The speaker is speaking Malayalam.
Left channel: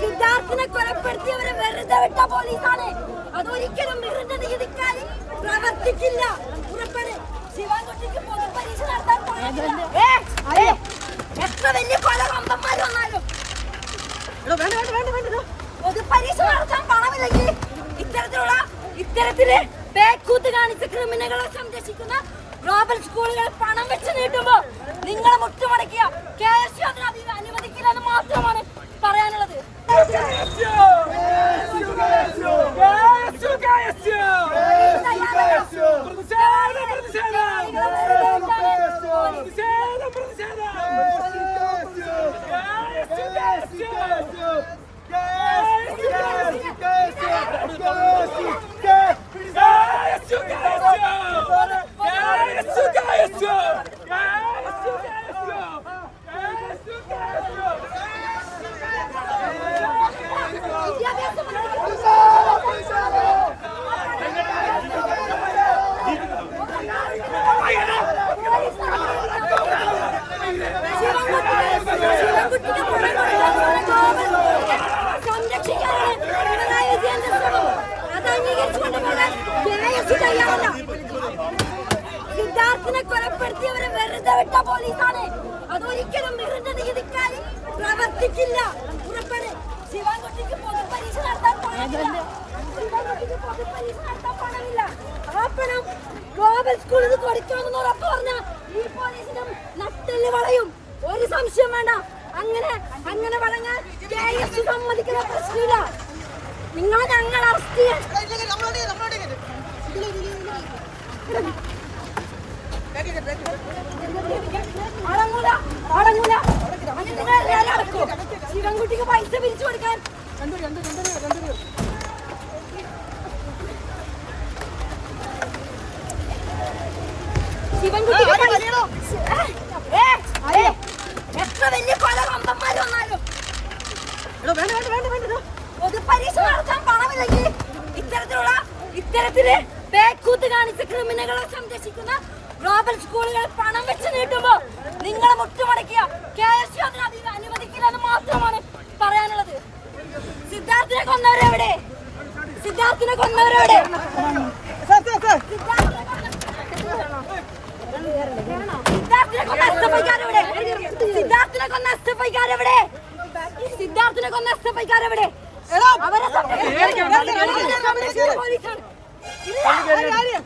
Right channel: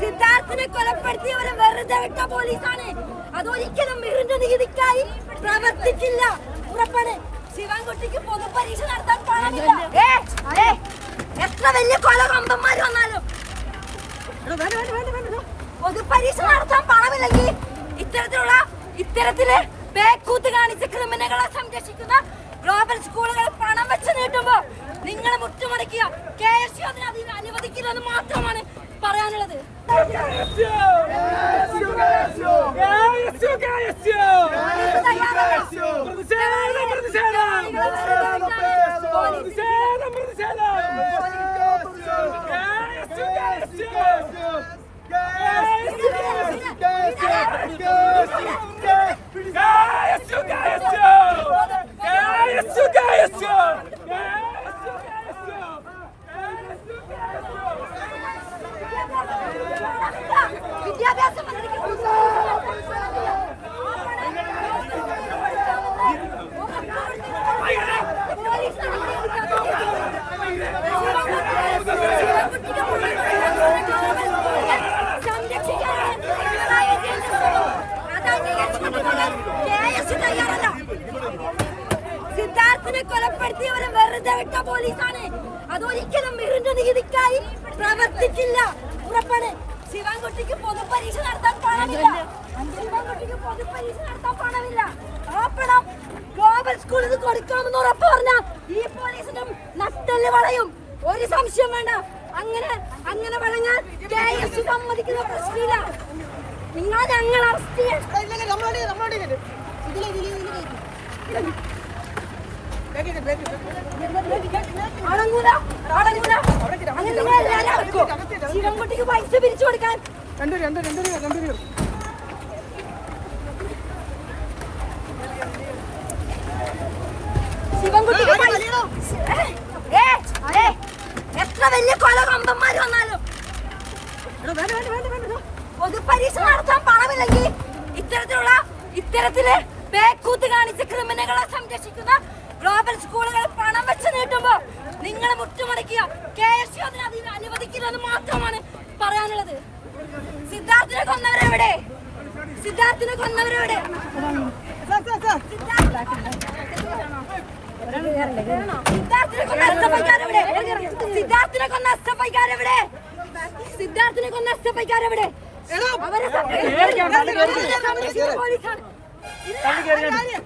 സിദ്ധാർത്ഥിനെ കൊലപ്പെടുത്തിയവരെ വെറുതെ വിട്ട പോലീസാണ്. അതൊരിക്കലും മിറിന്റെ നീതിക്കായി പ്രവർത്തിക്കില്ല. ശിവൻകുട്ടിക്ക് പൊതുപരീക്ഷ നടത്താൻ പണമില്ല. എത്ര വലിയ കൊലവമ്പന്മാർ വന്നാലും പൊതുപരീക്ഷ നടത്താൻ പണമില്ലെങ്കിൽ ഇത്തരത്തില് ബേക്കൂത്ത് കാണിച്ച ക്രിമിനലുകളെ സംരക്ഷിക്കുന്ന ഗ്ലോബൽ സ്കൂളുകൾ പണം വെച്ച് നീട്ടുമ്പോ നിങ്ങളെ മുട്ടുമടക്കിയ KSU അതിന് അനുവദിക്കില്ലെന്ന് മാത്രമാണ് പറയാനുള്ളത്. സിദ്ധാർത്ഥിനെ കൊലപ്പെടുത്തിയവരെ വെറുതെ വിട്ട പോലീസാണ്. അതൊരിക്കലും മിറിന്റെ നീതിക്കായി പ്രവർത്തിക്കില്ല. ശിവൻകുട്ടിക്ക് പൊതുപരീക്ഷ നടത്താൻ പണമില്ല. ആ പണം ഗ്ലോബൽ സ്കൂളിൽ കൊടുക്കാമെന്ന് ഉറപ്പ് പറഞ്ഞ ഈ പോലീസിനും നട്ടല് വളയും. ഒരു സംശയം വേണ്ട. അങ്ങനെ വളഞ്ഞാൽ KSU സമ്മതിക്കുന്ന പ്രശ്നമില്ല. നിങ്ങൾ ഞങ്ങൾ അറസ്റ്റ് ചെയ്യാൻ അടങ്ങൂല. അങ്ങനെ നിങ്ങൾ എല്ലാവരും അടക്കോ. ശിവൻകുട്ടിക്ക് പൈസ പിരിച്ചു കൊടുക്കാൻ ശിവൻകുട്ടിക്ക് പൈസ എത്ര വലിയ കൊലവമ്പന്മാർ വന്നാലും പൊതുപരീക്ഷ നടത്താൻ പണമില്ലെങ്കിൽ ഇത്തരത്തില് ബേക്കൂത്ത് കാണിച്ച ക്രിമിനലുകളെ സംരക്ഷിക്കുന്ന ഗ്ലോബൽ സ്കൂളുകൾ പണം വെച്ച് നീട്ടുമ്പോ നിങ്ങളെ മുട്ടുമടക്കിയ KSU അതിന് അനുവദിക്കില്ലെന്ന് മാത്രമാണ് പറയാനുള്ളത്. സിദ്ധാർത്ഥിനെ കൊന്നവരെവിടെ? സിദ്ധാർത്ഥിനെ കൊന്ന SFIക്കാരെവിടെ? അവരെ പോലീസാണ്. അവരെ